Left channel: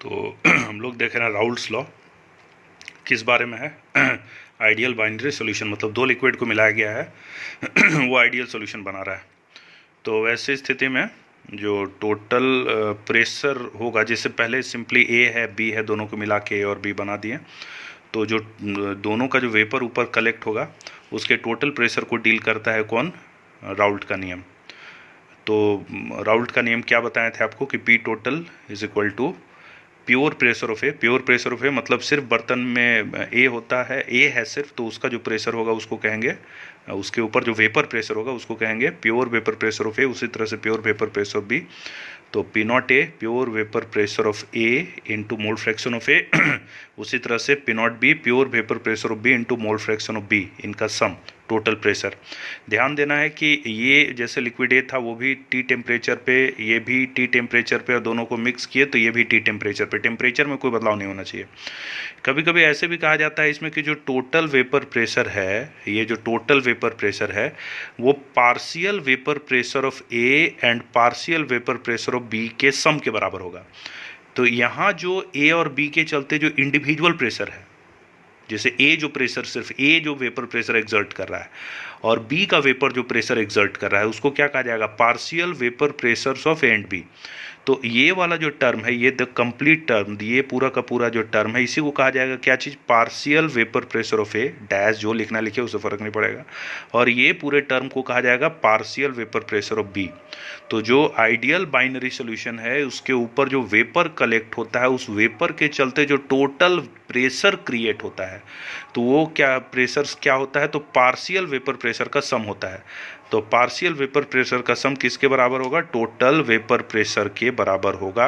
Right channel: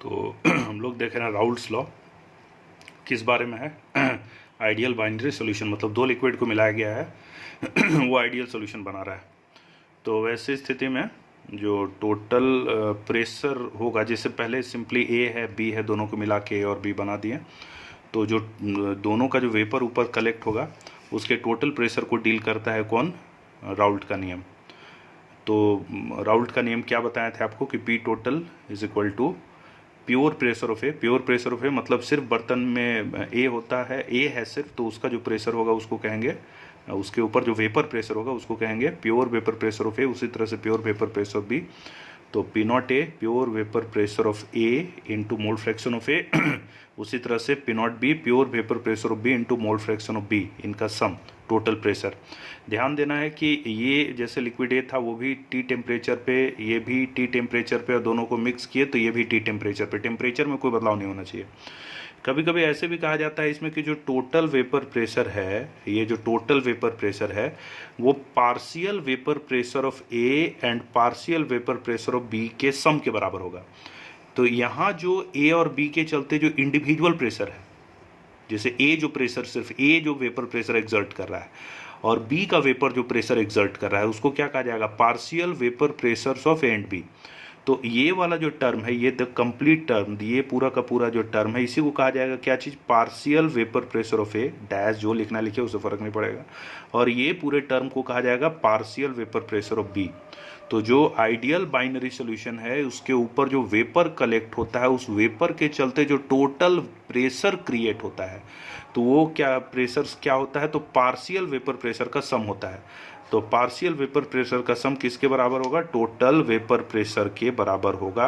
तो हम लोग देख रहे हैं राउल्ट्स लॉ किस बारे में है। आइडियल बाइनरी सॉल्यूशन, मतलब दो लिक्विड को मिलाया गया है वो आइडियल सॉल्यूशन बना रहा है। तो वैसी स्थिति में जो टोटल प्रेशर होगा, जैसे पहले सिंपली ए है बी है, दोनों को मिला के ए और बी बना दिए, तो जो दोनों का जो वेपर ऊपर कलेक्ट होगा उसके टोटल प्रेशर को डील करता है कौन? राउल्ट का नियम। तो राउल्ट का नियम क्या बताए थे आपको कि P total is equal to pure pressure of A. Pure pressure of A मतलब सिर्फ बर्तन में ए होता है, ए है सिर्फ, तो उसका जो प्रेशर होगा उसको कहेंगे, उसके ऊपर जो वेपर प्रेशर होगा उसको कहेंगे pure vapour pressure of A. उसी तरह से pure vapour pressure of B, तो P nought A pure vapour pressure of A into mole fraction of A. उसी तरह से P nought B pure vapour pressure of B into mole fraction of B, इनका sum total pressure. ध्यान देना है कि ये जैसे लिक्विड ए था वो भी टी टेम्परेचर पे, ये भी टी टेम्परेचर पे, और दोनों को मिक्स किए तो ये भी टी टेम्परेचर पे। टेम्परेचर में कोई बदलाव नहीं होना चाहिए। कभी कभी ऐसे भी कहा जाता है इसमें कि जो टोटल वेपर प्रेशर है, ये जो टोटल वेपर प्रेशर है वो partial vapour pressure of A and partial vapour pressure of B के सम के बराबर होगा। तो यहाँ जो ए और बी के चलते जो इंडिविजुअल प्रेशर है, जैसे ए जो प्रेशर, सिर्फ ए जो वेपर प्रेशर एक्सर्ट कर रहा है और बी का वेपर जो प्रेशर एक्सर्ट कर रहा है, उसको क्या कहा जाएगा? Partial vapour pressures of A and B. तो ये वाला जो टर्म है, ये द कंप्लीट टर्म, ये पूरा का पूरा जो टर्म है, इसी को कहा जाएगा क्या चीज़? Partial vapour pressure of A dash, जो लिखना लिखे उससे फ़र्क नहीं पड़ेगा, और ये पूरे टर्म को कहा जाएगा partial vapour pressure of B. तो जो आइडियल बाइनरी सॉल्यूशन है उसके ऊपर जो वेपर कलेक्ट होता है, उस वेपर के चलते जो टोटल प्रेशर क्रिएट होता है, तो वो क्या प्रेशर क्या होता है? तो पार्शियल वेपर प्रेशर का सम होता है। तो पार्शियल वेपर प्रेशर का सम किसके बराबर होगा? टोटल वेपर प्रेशर के बराबर होगा।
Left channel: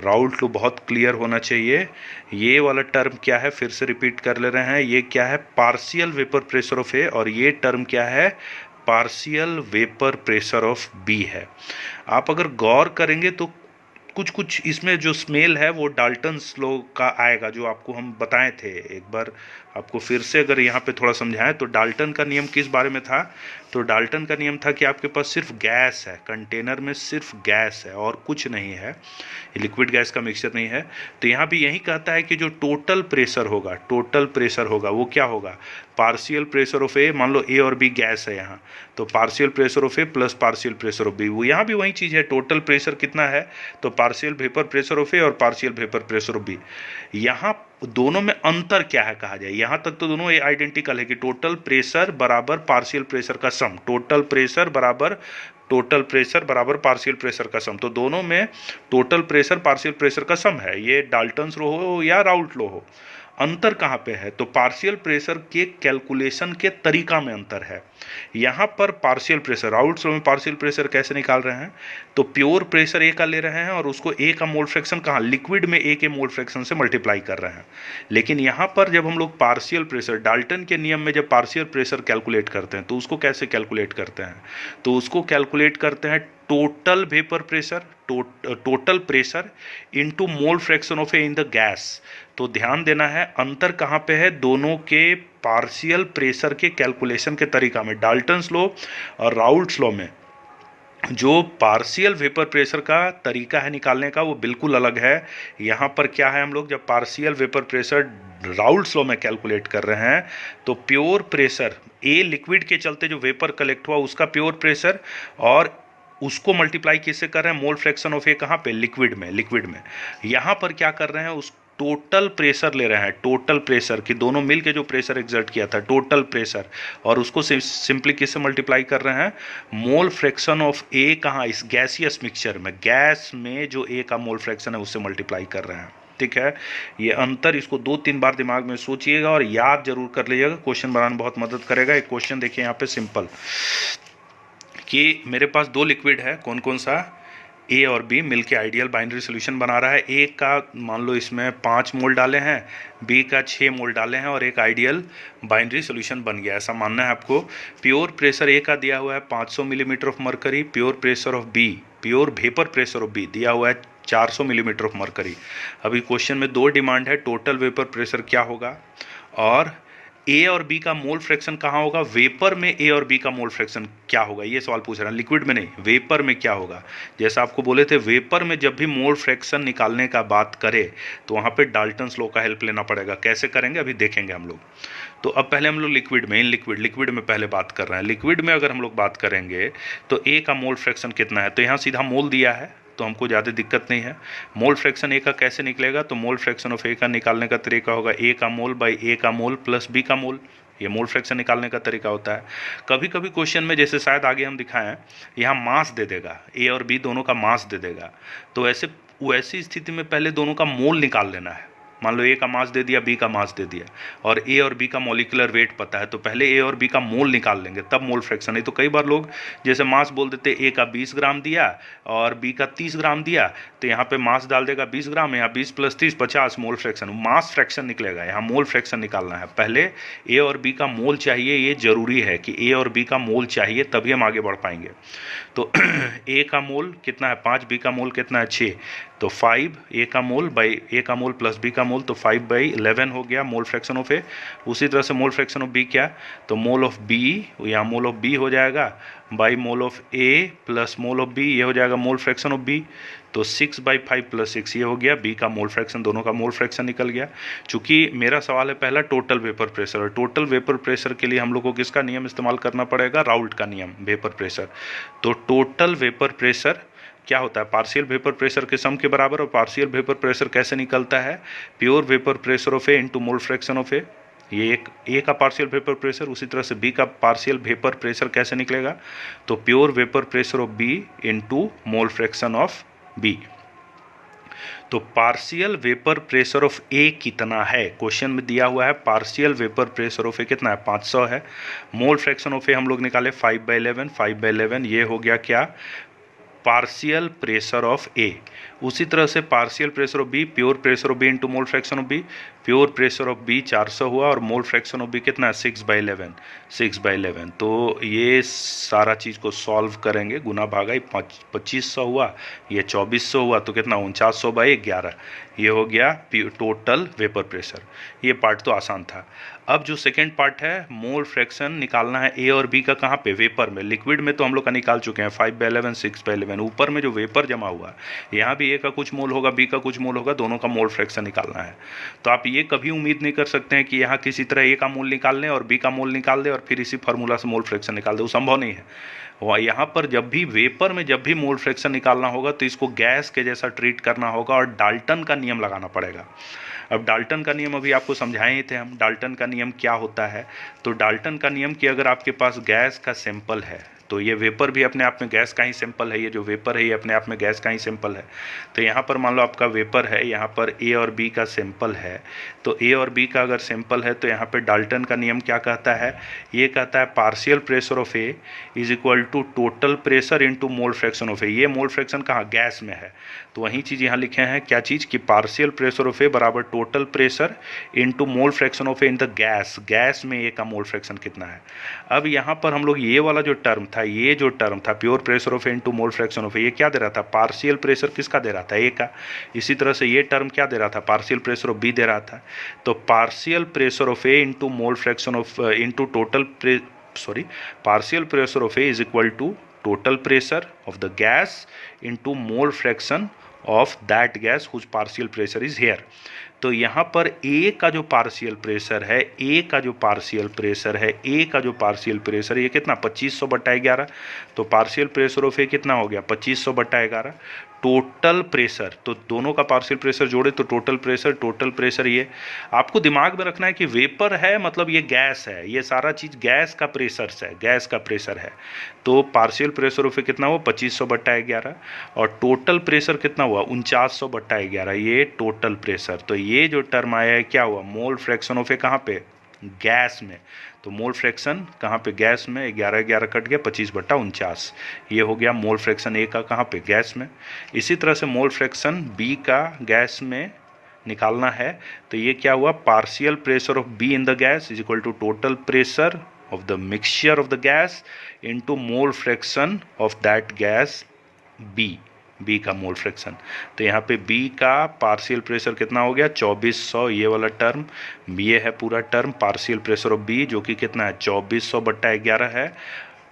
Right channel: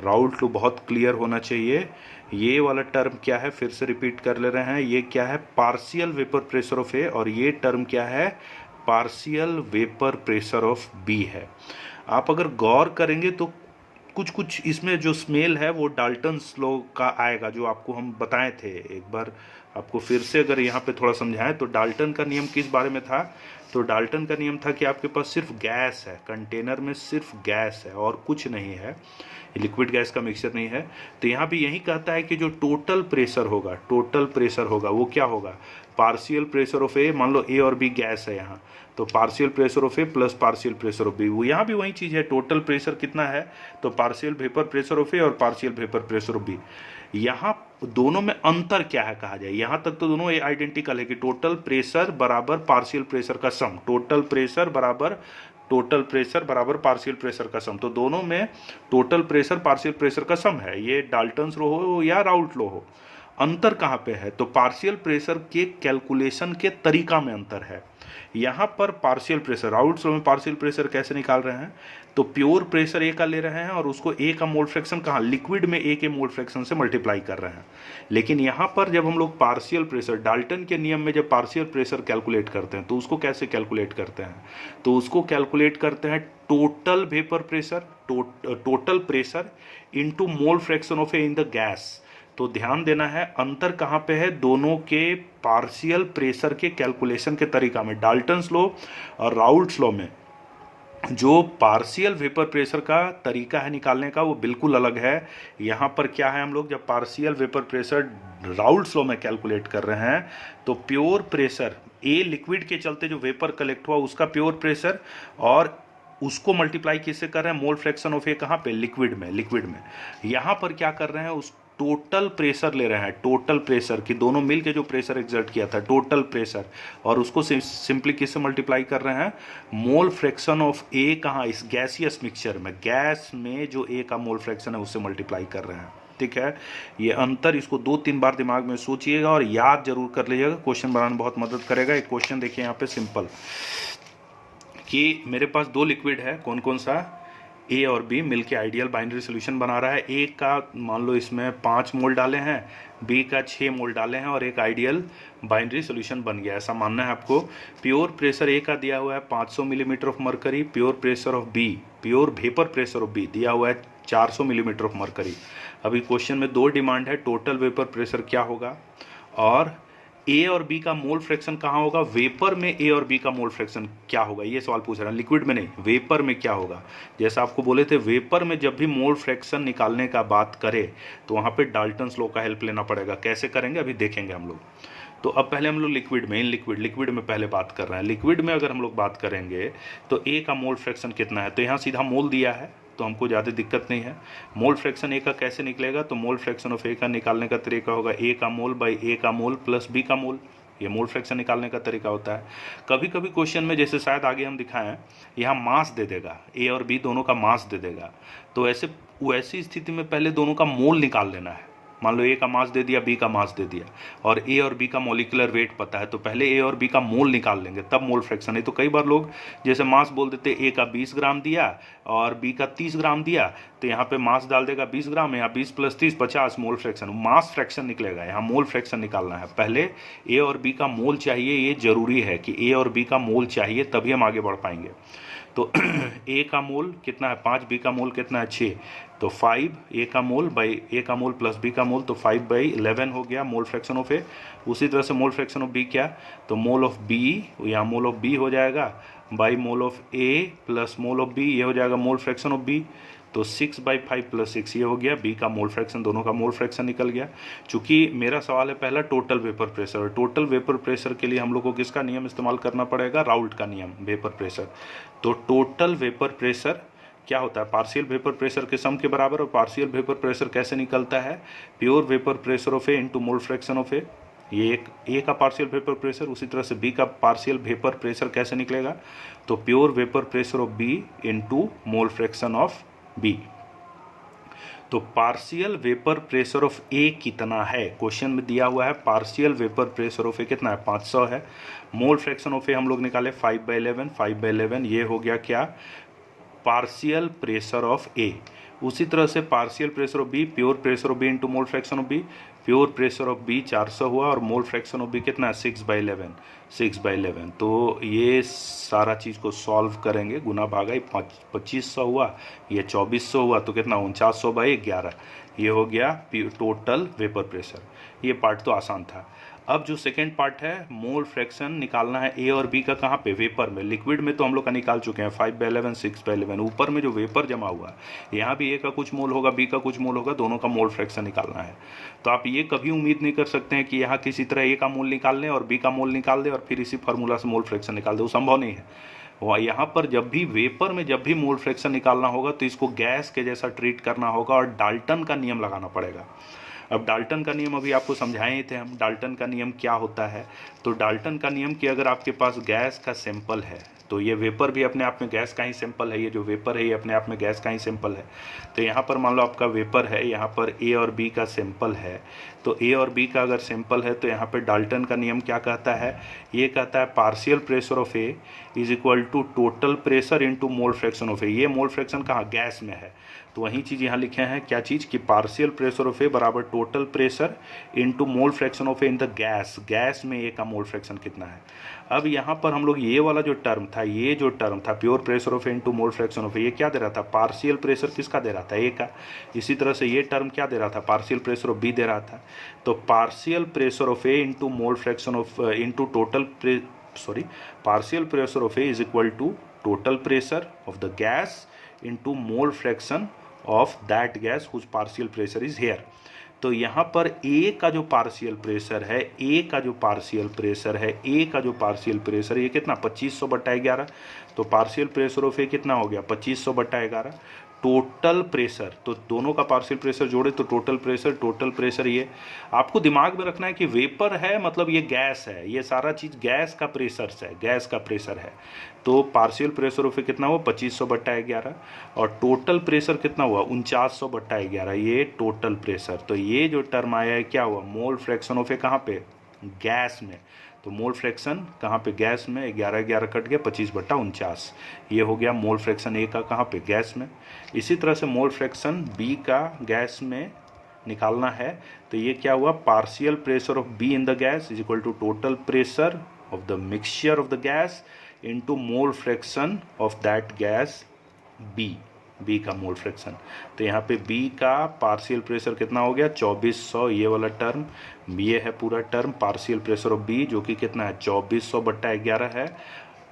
राउल्ट लॉ बहुत क्लियर होना चाहिए। ये वाला टर्म क्या है, फिर से रिपीट कर ले रहे हैं, ये क्या है? Partial vapour pressure of A, और ये टर्म क्या है? Partial vapour pressure of B है। आप अगर गौर करेंगे तो कुछ इसमें जो स्मेल है वो डाल्टन्स लॉ का आएगा, जो आपको हम बताए थे। एक बार आपको फिर से अगर यहाँ पे थोड़ा समझाएं तो डाल्टन का नियम किस बारे में था? तो डाल्टन का नियम था कि आपके पास सिर्फ गैस है, कंटेनर में सिर्फ गैस है और कुछ नहीं है, लिक्विड गैस का मिक्सचर नहीं है। तो यहाँ भी यही कहता है कि जो टोटल प्रेशर होगा, टोटल प्रेशर होगा वो क्या होगा? पार्शियल प्रेशर ऑफ ए, मान लो ए और बी गैस है यहाँ, तो partial pressure of A plus partial pressure of B, वो यहाँ भी वही चीज़ है। टोटल प्रेशर कितना है? तो partial vapour pressure of A और partial vapour pressure of B. यहाँ दोनों में अंतर क्या है कहा जाए? यहाँ तक तो दोनों आइडेंटिकल है कि टोटल प्रेशर बराबर पार्शियल प्रेशर का सम, टोटल प्रेशर बराबर पार्शियल प्रेशर का सम। तो दोनों में टोटल प्रेशर पार्शियल प्रेशर का सम है। ये डाल्टन्स लॉ हो या राउल्ट लॉ हो, अंतर कहाँ पे है? तो पार्शियल प्रेशर के कैलकुलेशन के तरीका में अंतर है। यहाँ पर पार्शियल प्रेशर, राउल्ट्स लॉ में पार्शियल प्रेशर कैसे निकाल रहे हैं? तो प्योर प्रेशर ए का ले रहे हैं और उसको ए का मोल फ्रैक्शन कहाँ? लिक्विड में ए के मोल फ्रैक्शन से मल्टीप्लाई कर रहे हैं। लेकिन यहाँ पर जब हम लोग पार्शियल प्रेशर, डाल्टन के नियम में जब पार्शियल प्रेशर कैलकुलेट करते हैं तो उसको कैसे कैलकुलेट करते हैं? तो उसको कैलकुलेट करते हैं total vapour pressure, total pressure into mole fraction of A in the gas. तो ध्यान देना है अंतर कहाँ पे है दोनों के पार्शियल प्रेशर के कैलकुलेशन के तरीका में। डाल्टन्स लॉ और राउल्ट्स लॉ में जो पार्शियल वेपर प्रेशर का तरीका है निकालने का वो बिल्कुल अलग है। यहाँ पर क्या है, हम लोग जब partial vapour pressure Raoult's law में कैलकुलेट कर रहे हैं तो प्योर प्रेशर, ए लिक्विड के चलते जो वेपर कलेक्ट हुआ उसका प्योर प्रेशर, और उसको मल्टीप्लाई किससे कर रहे हैं? मोल फ्रैक्शन ऑफ ए कहाँ पे? लिक्विड में। यहाँ पर क्या कर रहे हैं? उस टोटल प्रेशर ले रहे हैं, टोटल प्रेशर कि दोनों मिलके जो प्रेशर एक्सर्ट किया था, टोटल प्रेशर, और उसको सिंपली किससे मल्टीप्लाई कर रहे हैं? मोल फ्रैक्शन ऑफ ए कहाँ? इस गैसियस मिक्सचर में, गैस में जो ए का मोल फ्रैक्शन है उससे मल्टीप्लाई कर रहे हैं। ठीक है, ये अंतर, इसको 2-3 बार दिमाग में सोचिएगा और याद जरूर कर लीजिएगा, क्वेश्चन बनाने में बहुत मदद करेगा। एक क्वेश्चन देखिए यहाँ पे सिंपल, कि मेरे पास दो लिक्विड है, कौन कौन सा? ए और बी मिलके आइडियल बाइनरी सॉल्यूशन बना रहा है। ए का मान लो इसमें 5 मोल डाले हैं, बी का 6 मोल डाले हैं, और एक आइडियल बाइनरी सॉल्यूशन बन गया, ऐसा मानना है आपको। प्योर प्रेशर ए का दिया हुआ है 500 millimetre of mercury, pure pressure of B, pure vapour pressure of B दिया हुआ है 400 मिलीमीटर ऑफ मरकरी। अभी क्वेश्चन में 2 डिमांड है, टोटल वेपर प्रेशर क्या होगा और ए और बी का मोल फ्रैक्शन कहाँ होगा, वेपर में ए और बी का मोल फ्रैक्शन क्या होगा, ये सवाल पूछ रहा है, लिक्विड में नहीं, वेपर में क्या होगा। जैसा आपको बोले थे, वेपर में जब भी मोल फ्रैक्शन निकालने का बात करे तो वहाँ पे डाल्टन्स लॉ का हेल्प लेना पड़ेगा। कैसे करेंगे अभी देखेंगे हम लोग। तो अब पहले हम लोग लिक्विड में, इन लिक्विड में पहले बात कर रहे हैं। लिक्विड में अगर हम लोग बात करेंगे तो ए का मोल फ्रैक्शन कितना है, तो यहाँ सीधा मोल दिया है तो हमको ज़्यादा दिक्कत नहीं है। मोल फ्रैक्शन ए का कैसे निकलेगा, तो मोल फ्रैक्शन ऑफ ए का निकालने का तरीका होगा ए का मोल बाई ए का मोल प्लस बी का मोल। ये मोल फ्रैक्शन निकालने का तरीका होता है। कभी कभी क्वेश्चन में, जैसे शायद आगे हम दिखाएं, यहाँ मास दे देगा, ए और बी दोनों का मास दे देगा, तो वैसी स्थिति में पहले दोनों का मोल निकाल लेना है। मान लो ए का मास दे दिया, बी का मास दे दिया, और ए और बी का मॉलिक्यूलर वेट पता है, तो पहले ए और बी का मोल निकाल लेंगे तब मोल फ्रैक्शन। नहीं तो कई बार लोग जैसे मास बोल देते, ए का 20 ग्राम दिया और बी का 30 ग्राम दिया, तो यहाँ पे मास डाल देगा 20 ग्राम, यहाँ 20 plus 30 50, mole fraction, mass fraction निकलेगा। यहाँ मोल फ्रैक्शन निकालना है, पहले ए और बी का मोल चाहिए। ये जरूरी है कि ए और बी का मोल चाहिए, तभी हम आगे बढ़ पाएंगे। तो ए का मोल कितना है 5, बी का मोल कितना है 6, तो 5 ए का मोल बाई ए का मोल प्लस बी का मोल, तो 5/11 हो गया मोल फ्रैक्शन ऑफ ए। उसी तरह से मोल फ्रैक्शन ऑफ बी क्या, तो मोल ऑफ बी, यहाँ मोल ऑफ बी हो जाएगा by mole of A plus mole of B, ये हो जाएगा मोल फ्रैक्शन ऑफ बी। तो 6/5 प्लस 6 ये हो गया बी का मोल फ्रैक्शन, दोनों का मोल फ्रैक्शन निकल गया। चूंकि मेरा सवाल है पहला total vapour pressure, total vapour pressure के लिए हम लोग को किसका नियम इस्तेमाल करना पड़ेगा, राउल्ट का नियम, वेपर प्रेशर। तो टोटल वेपर प्रेशर क्या होता है, पार्शियल वेपर प्रेशर के सम के बराबर। और पार्शियल वेपर प्रेशर कैसे निकलता है, pure vapour pressure of A into mole fraction of A. ये एक ए का पार्शियल वेपर प्रेशर, उसी तरह से बी का पार्शियल वेपर प्रेशर कैसे निकलेगा, तो pure vapour pressure of B into mole fraction of B. तो partial vapour pressure of A कितना है, क्वेश्चन में दिया हुआ है partial vapour pressure of A कितना है 500 है। मोल फ्रैक्शन ऑफ ए हम लोग निकाले 5/11, 5/11 ये हो गया क्या, पार्शियल प्रेशर ऑफ ए। उसी तरह से partial pressure of B, pure pressure of B into mole fraction of B, pure pressure of B 400 हुआ और मोल फ्रैक्शन ऑफ बी कितना है 6/11, 6/11। तो ये सारा चीज़ को सॉल्व करेंगे, गुना भागा 2500 हुआ, ये 2400 हुआ, तो कितना 4900/11, ये हो गया टोटल वेपर प्रेशर। ये पार्ट तो आसान था। अब जो सेकेंड पार्ट है, मोल फ्रैक्शन निकालना है ए और बी का कहाँ पे, वेपर में। लिक्विड में तो हम लोग का निकाल चुके हैं 5/11, 6/11। ऊपर में जो वेपर जमा हुआ, यहाँ भी ए का कुछ मोल होगा, बी का कुछ मोल होगा, दोनों का मोल फ्रैक्शन निकालना है। तो आप ये कभी उम्मीद नहीं कर सकते हैं कि यहाँ किसी तरह ए का मोल निकाल लें और बी का मोल निकाल दें और फिर इसी फार्मूला से मोल फ्रैक्शन निकाल दें, वो संभव नहीं है। और यहाँ पर जब भी वेपर में जब भी मोल फ्रैक्शन निकालना होगा तो इसको गैस के जैसा ट्रीट करना होगा और डाल्टन का नियम लगाना पड़ेगा। अब डाल्टन का नियम अभी आपको समझाए ही थे हम, डाल्टन का नियम क्या होता है। तो डाल्टन का नियम कि अगर आपके पास गैस का सैंपल है, तो ये वेपर भी अपने आप में गैस का ही सैंपल है, ये जो वेपर है ये अपने आप में गैस का ही सैंपल है। तो यहाँ पर मान लो आपका वेपर है, यहाँ पर ए और बी का सैंपल है, तो ए और बी का अगर सैंपल है तो यहाँ पे डाल्टन का नियम क्या कहता है, ये कहता है partial pressure of A is equal to total pressure into mole fraction of A. ये मोल फ्रैक्शन कहाँ, गैस में है, तो वही चीज़ यहाँ लिखे हैं, क्या चीज़ कि पार्शियल प्रेशर ऑफ ए बराबर total pressure into mole fraction of A in the gas, gas में ए का मोल फ्रैक्शन कितना है। अब यहाँ पर हम लोग ये वाला जो टर्म था, ये जो टर्म था pure pressure of A into mole fraction of A, ये क्या दे रहा था, पार्शियल प्रेशर किसका दे रहा था, ए का। इसी तरह से ये टर्म क्या दे रहा था, पार्शियल प्रेशर ऑफ बी दे रहा था। तो partial pressure of A into mole fraction of into total partial pressure of A is equal to total pressure of the gas into mole fraction of that gas whose partial pressure is here. तो यहाँ पर ए का जो partial pressure है, ए का जो partial pressure है, ए का जो पार्शियल प्रेशर, ये कितना 2500/11। तो पार्शियल प्रेशर ऑफ ए कितना हो गया 2500/11। टोटल प्रेशर, तो दोनों का पार्शियल प्रेशर जोड़े तो टोटल प्रेशर ये आपको दिमाग में रखना है कि वेपर है मतलब ये गैस है, ये सारा चीज़ गैस का प्रेशर है। तो पार्शियल प्रेशर ऑफ ए कितना हुआ 2500/11 और टोटल प्रेशर कितना हुआ 4900/11, ये टोटल प्रेशर। तो ये जो टर्म आया है क्या हुआ, मोल फ्रैक्शन ऑफ ए कहाँ पे, गैस में। तो मोल फ्रैक्शन कहाँ पे, गैस में, 11 कट गया 25/49, ये हो गया मोल फ्रैक्शन ए का कहाँ पे, गैस में। इसी तरह से मोल फ्रैक्शन बी का गैस में निकालना है, तो ये क्या हुआ, partial pressure of B in the gas is equal to total pressure of the mixture of the gas into mole fraction of that gas B, B का मोल फ्रैक्शन। तो यहाँ पे बी का पार्शियल प्रेशर कितना हो गया 2400, ये वाला टर्म, ये है पूरा term partial pressure of B जो कि कितना है 2400/11 है।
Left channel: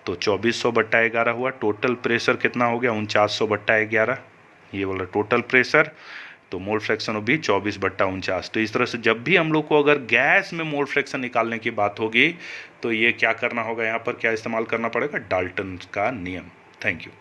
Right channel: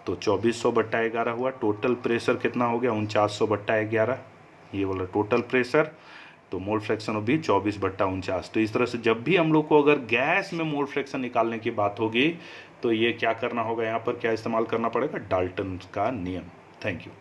तो 2400/11 हुआ। टोटल प्रेशर कितना हो गया 4900/11, ये वाला टोटल प्रेशर। तो मोल फ्रैक्शन ऑफ बी 24/49। तो इस तरह से जब भी हम लोग को अगर गैस में मोल फ्रैक्शन निकालने की बात होगी तो ये क्या करना होगा, यहाँ पर क्या इस्तेमाल करना पड़ेगा, डाल्टन का नियम। Thank you.